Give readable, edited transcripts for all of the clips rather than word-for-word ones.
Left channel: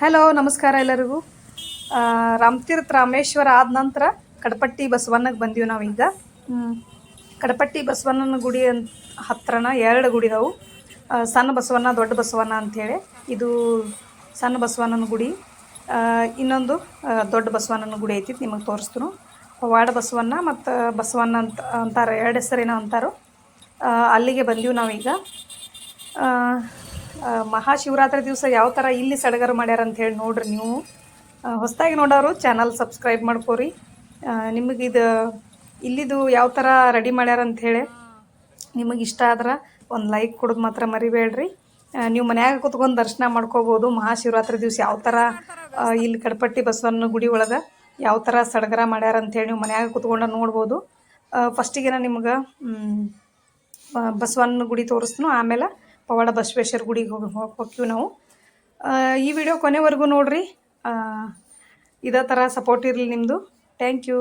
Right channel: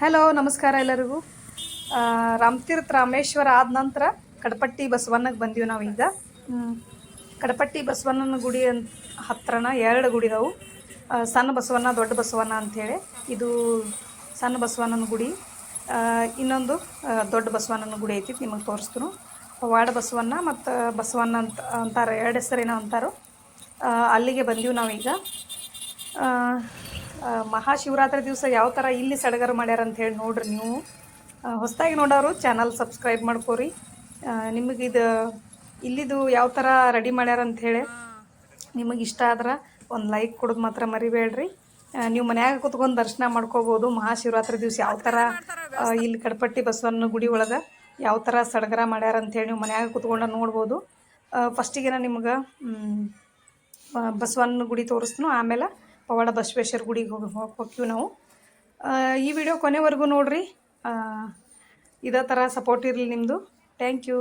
Hello, ನಮಸ್ಕಾರ ಎಲ್ಲರಿಗೂ. ರಾಮತೀರ್ಥ ರಾಮೇಶ್ವರ ಆದ ನಂತರ ಕಡಪಟ್ಟಿ ಬಸವಣ್ಣಗೆ ಬಂದೀವಿ ನಾವೀಗ. ಕಡಪಟ್ಟಿ ಬಸವಣ್ಣನ ಗುಡಿ ಹತ್ರನ 2 ಗುಡಿ ಇದಾವೆ. ಸಣ್ಣ ಬಸವಣ್ಣ, ದೊಡ್ಡ ಬಸವಣ್ಣ ಅಂಥೇಳಿ. ಇದು ಸಣ್ಣ ಬಸವಣ್ಣನ ಗುಡಿ. ಇನ್ನೊಂದು ದೊಡ್ಡ ಬಸವಣ್ಣನ ಗುಡಿ ಐತಿ, ನಿಮಗೆ ತೋರಿಸ್ತೀನಿ. ಪವಾಡ ಬಸವಣ್ಣ ಮತ್ತು ಬಸವಣ್ಣ ಅಂತಾರೆ, 2 ಹೆಸರೇನೋ ಅಂತಾರೋ. ಅಲ್ಲಿಗೆ ಬಂದೀವಿ ನಾವೀಗ. ಮಹಾಶಿವರಾತ್ರಿ ದಿವಸ ಯಾವ ಥರ ಇಲ್ಲಿ ಸಡಗರ ಮಾಡ್ಯಾರ ಅಂತ ಹೇಳಿ ನೋಡ್ರಿ. ನೀವು ಹೊಸದಾಗಿ ನೋಡೋರು ಚಾನಲ್ ಸಬ್ಸ್ಕ್ರೈಬ್ ಮಾಡ್ಕೋರಿ. ನಿಮಗೆ ಇಲ್ಲಿದು ಯಾವ ಥರ ರೆಡಿ ಮಾಡ್ಯಾರ ಅಂಥೇಳಿ ನಿಮಗೆ ಇಷ್ಟ ಆದ್ರೆ ಒಂದು ಲೈಕ್ ಕೊಡೋದು ಮಾತ್ರ ಮರಿಬೇಡ್ರಿ. ನೀವು ಮನ್ಯಾಗ ಕೂತ್ಕೊಂಡು ದರ್ಶನ ಮಾಡ್ಕೋಬೋದು. ಮಹಾಶಿವರಾತ್ರಿ ದಿವಸ ಯಾವ ಥರ ಇಲ್ಲಿ ಕಡಪಟ್ಟಿ ಬಸವಣ್ಣನ ಗುಡಿ ಒಳಗೆ ಯಾವ ಥರ ಸಡಗರ ಮಾಡ್ಯಾರ ಅಂಥೇಳಿ ನೀವು ಮನ್ಯಾಗ ಕೂತ್ಕೊಂಡು ನೋಡ್ಬೋದು. ಫಸ್ಟಿಗೆ ನಿಮ್ಗೆ ಬಸವಣ್ಣನ ಗುಡಿ ತೋರಿಸ್ತೀನಿ, ಆಮೇಲೆ ಪವಾಡ ಬಸವೇಶ್ವರ ಗುಡಿಗೆ ಹೋಗ್ತೀವಿ ನಾವು. ಈ ವಿಡಿಯೋ ಕೊನೆವರೆಗೂ ನೋಡಿರಿ. ಇದೇ ಥರ ಸಪೋರ್ಟ್ ಇರಲಿ ನಿಮ್ಮದು. Thank you.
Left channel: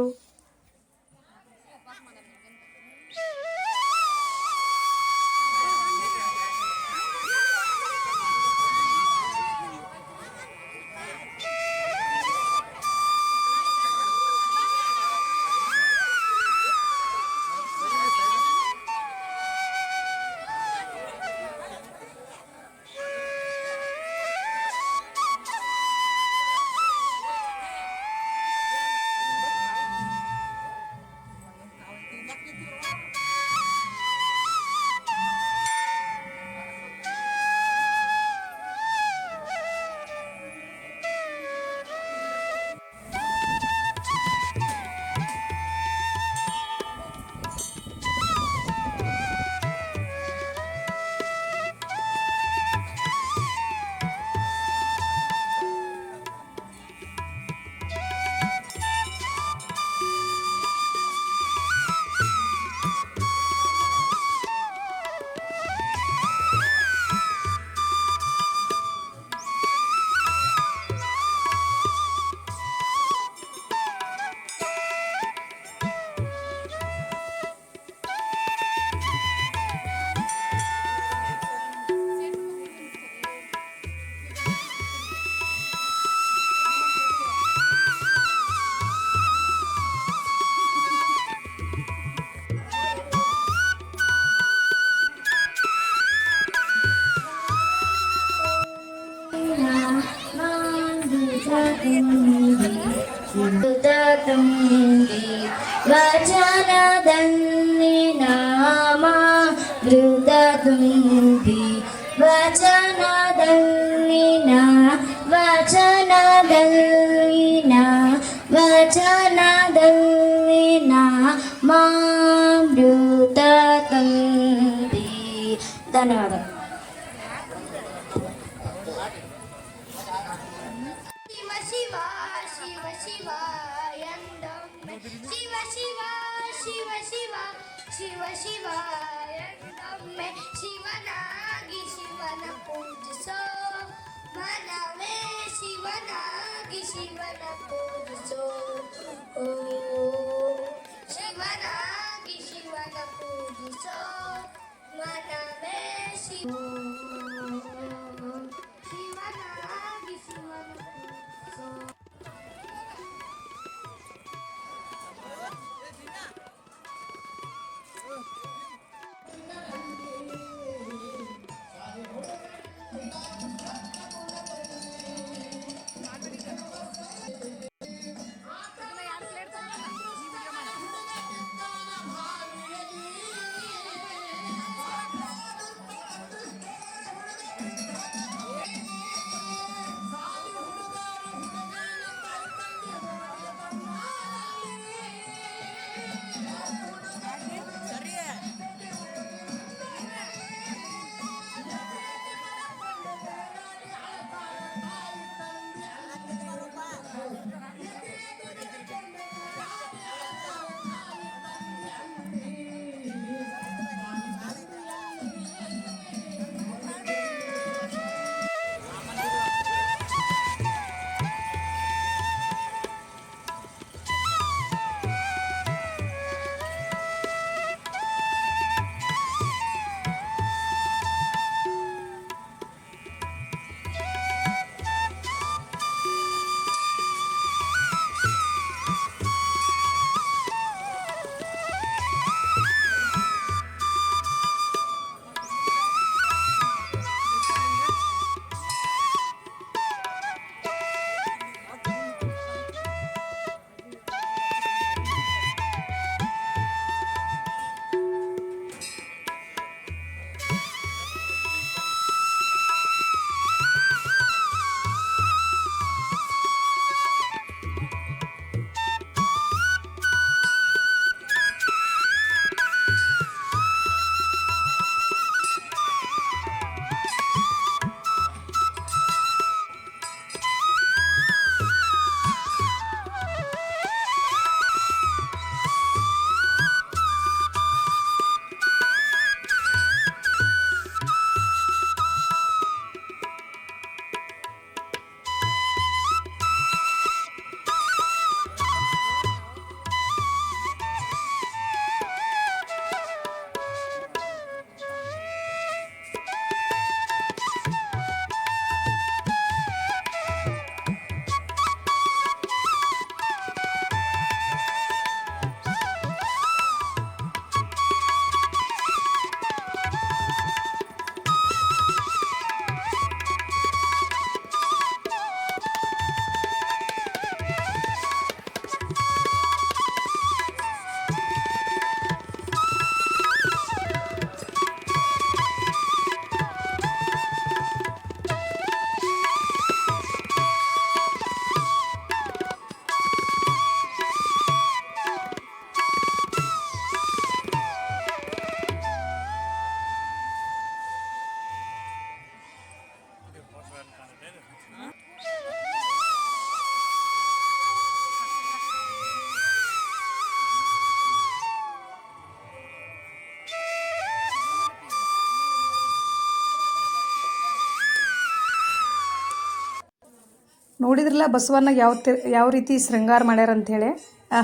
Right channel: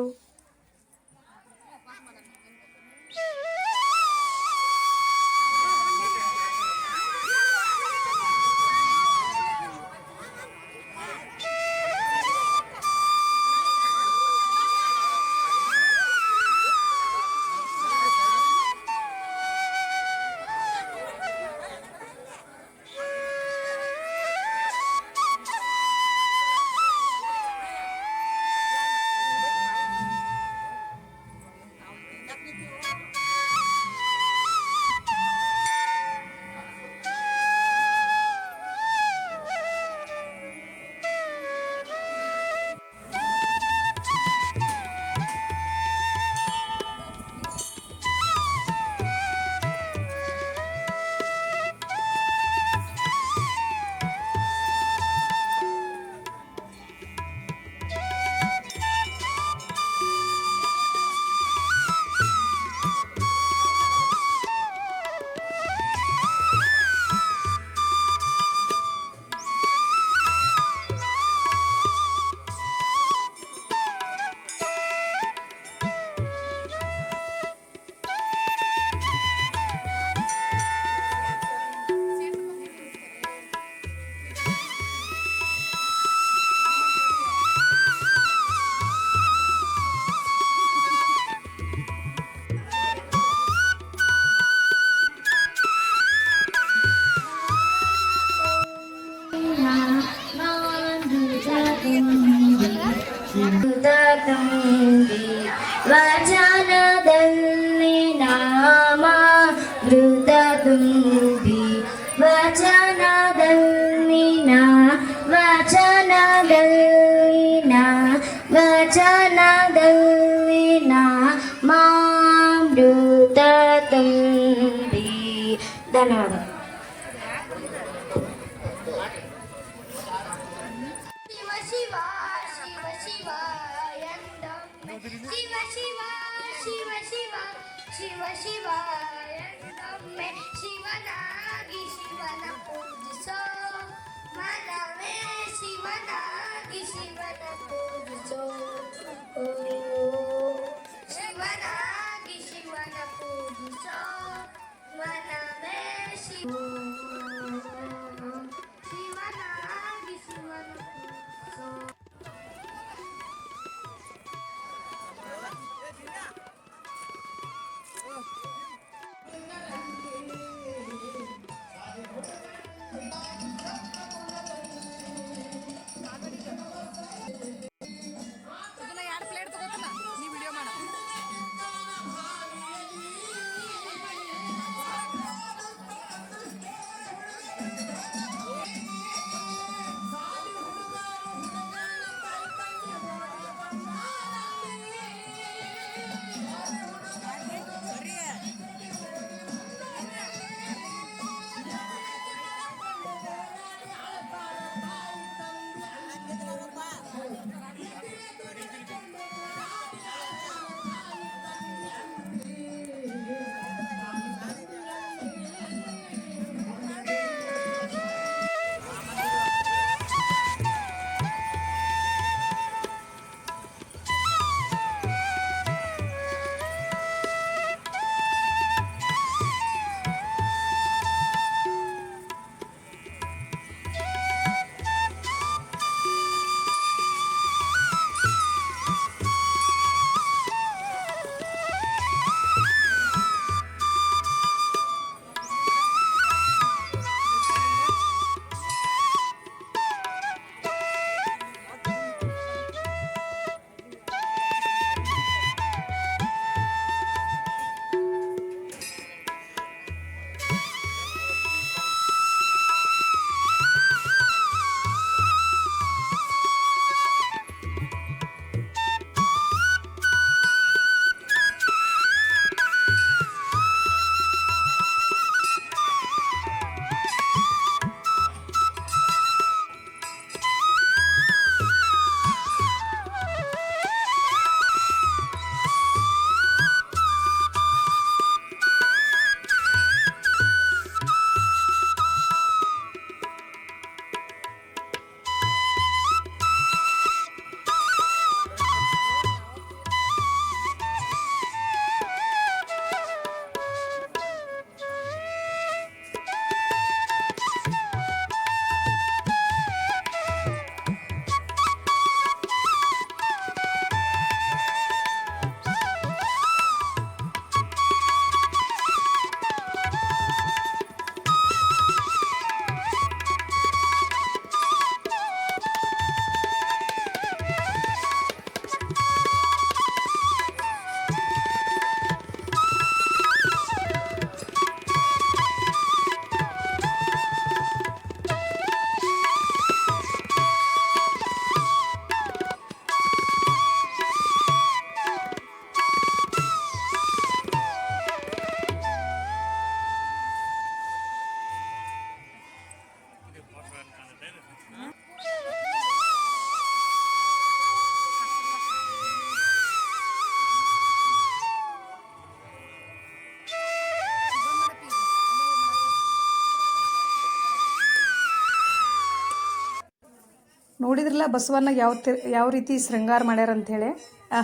ವಚನದಲ್ಲಿ ನಾಮ ಧೃತದುಂಬಿ ವಚನದಲ್ಲಿ ಮಾಮೃತದುಂಬಿ. ಧನ್ಯವಾದ. ಶಿವ ಶಿವ ಎಂದೊಮ್ಮೆ ಶಿವನಾಗಿ ಶಿವನ ಪೂಜಿಸೋ ಮನವೇ, ಶಿವನಾಗಿ ಶಿವನ ಪೂಜಿಸೋ. ಶಿವನಾಗಿ ಶಿವನ ಪೂಜಿಸೋ ಮನವೇ, ಶಿವನಾಗಿ ಶಿವನ ಪೂಜಿಸೋ. ನೋಡಿದ್ರಲ್ಲ ಬಸವಣ್ಣ ಯಾವ ರೀತಿ ಶೃಂಗಾರ ಮಾಡ್ಯಾರ ಅಂಥೇಳಿ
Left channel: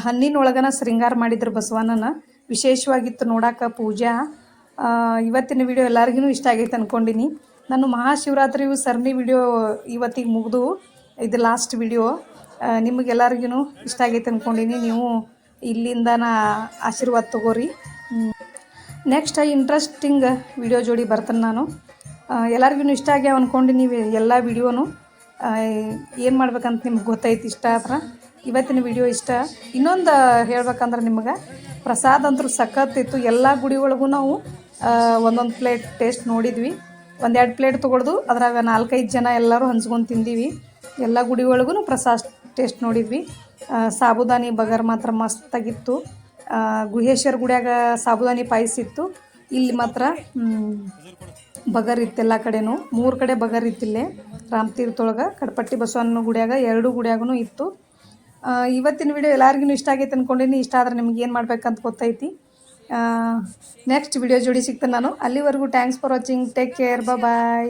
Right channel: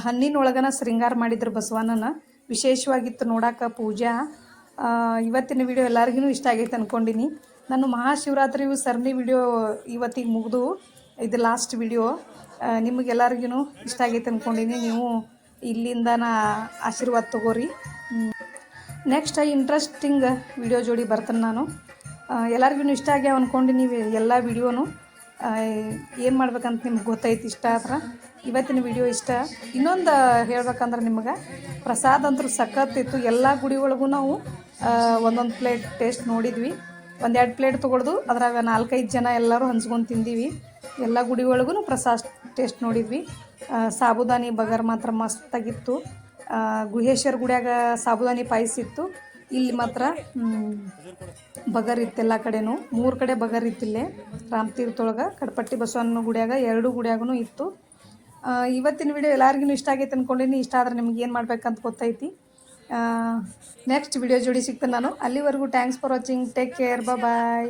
ಹಣ್ಣಿನೊಳಗನ ಶೃಂಗಾರ ಮಾಡಿದ್ರು ಬಸವಣ್ಣನ. ವಿಶೇಷವಾಗಿತ್ತು ನೋಡಾಕ ಪೂಜಾ. ಇವತ್ತಿನ ವಿಡಿಯೋ ಎಲ್ಲರಿಗೂ ಇಷ್ಟ ಆಗೈತೆ ಅಂದ್ಕೊಂಡಿನಿ. ನಾನು ಮಹಾಶಿವರಾತ್ರಿಯು ಸರಣಿ ವಿಡಿಯೋ ಇವತ್ತಿಗೆ ಮುಗಿದು ಇದು ಲಾಸ್ಟ್ ವಿಡಿಯೋ. ನಿಮಗೆಲ್ಲರಿಗೂ ಇಷ್ಟ ಆಗೈತೆ ಅಂದ್ಕೊಂಡಿನಿ. ನೀವು ಇಲ್ಲಿಂದನ ಆಶೀರ್ವಾದ ತಗೋರಿ. ನೆಕ್ಸ್ಟ್ ಇಂಟ್ರೆಸ್ಟಿಂಗ್ ವಿಡಿಯೋ ಜೋಡಿ ಬರ್ತಾನೆ ನಾನು. ಎಲ್ಲರಿಗೂ ಇಷ್ಟ ಆಗ್ಯಾವ ಅಂದ್ಕೊಂಡು ನೀವು ಎಲ್ಲ ವಿಡಿಯೋನು ಏನು ಮಾಡ್ಬೇಕಂತ ನಿಮ್ಗೆ ಗೊತ್ತೈತಿ. ಇಷ್ಟ ಆದ್ರೆ ಇವತ್ತಿನ ವಿಡಿಯೋ ಇಷ್ಟ. ಇನ್ನೊಂದು ಹೇಳ್ಬೇಕಂದ್ರೆ ನಿಮಗೆ ಪ್ರಸಾದ ಅಂತೂ ಸಖತ್ತಿತ್ತು. ಎಲ್ಲ ಗುಡಿ ಒಳಗೂ ನಾವು ಒಂದೊಂದು ಪ್ಲೇಟ್ ಟೇಸ್ಟ್ ನೋಡಿದ್ವಿ. 1-2 ಪ್ಲೇಟ್ ತೊಗೊಳ್ದು ಅದ್ರಾಗ 4-5 ಜನ ಎಲ್ಲರೂ ಹಂಚ್ಕೊಂಡು ತಿಂದೀವಿ. ಎಲ್ಲ ಗುಡಿ ಒಳಗೂ ಪ್ರಸಾದ ಟೇಸ್ಟ್ ನೋಡಿದ್ವಿ. ಸಾಬುದಾನಿ ಬಗರ್ ಮಾತ್ರ ಮಸ್ತಾಗಿತ್ತು. ಗುಹೇಶ್ವರ ಗುಡಿಯಾಗ ಸಾಬುದಾನಿ ಪಾಯಸ ಇತ್ತು. ಇಲ್ಲಿ ಮಾತ್ರ ಬಗರ್ ಇತ್ತು. ಎಲ್ಲ ಕಡೆನೂ 3 ಕಡೆ ಬಗರ್ ಇತ್ತಿಲ್ಲೇ ರಾಮತೀರ್ಥೊಳಗೆ. ಕಡಪಟ್ಟಿ ಬಸವಣ್ಣನ ಗುಡಿಯಾಗ 2 ಗುಡಿಯಾಗೂ ಇತ್ತು. ಇವತ್ತಿನ ವಿಡಿಯೋ ಎಲ್ಲರಿಗೂ ಇಷ್ಟ ಆಗೈತೆ ಅಂದ್ಕೊಂಡಿನಿ. ಇಷ್ಟ ಆದ್ರೆ ನಿಮ್ಗೆ ಏನು ಮಾಡ್ಬೇಕಂತ ಗೊತ್ತೈತಿ. ನೆಕ್ಸ್ಟ್ ವಿಡಿಯೋ ಜೋಡಿ ಸಿಗ್ತೇನೆ ನಾನು. ಅಲ್ಲಿವರೆಗೂ thanks for watching. Take care. Bye.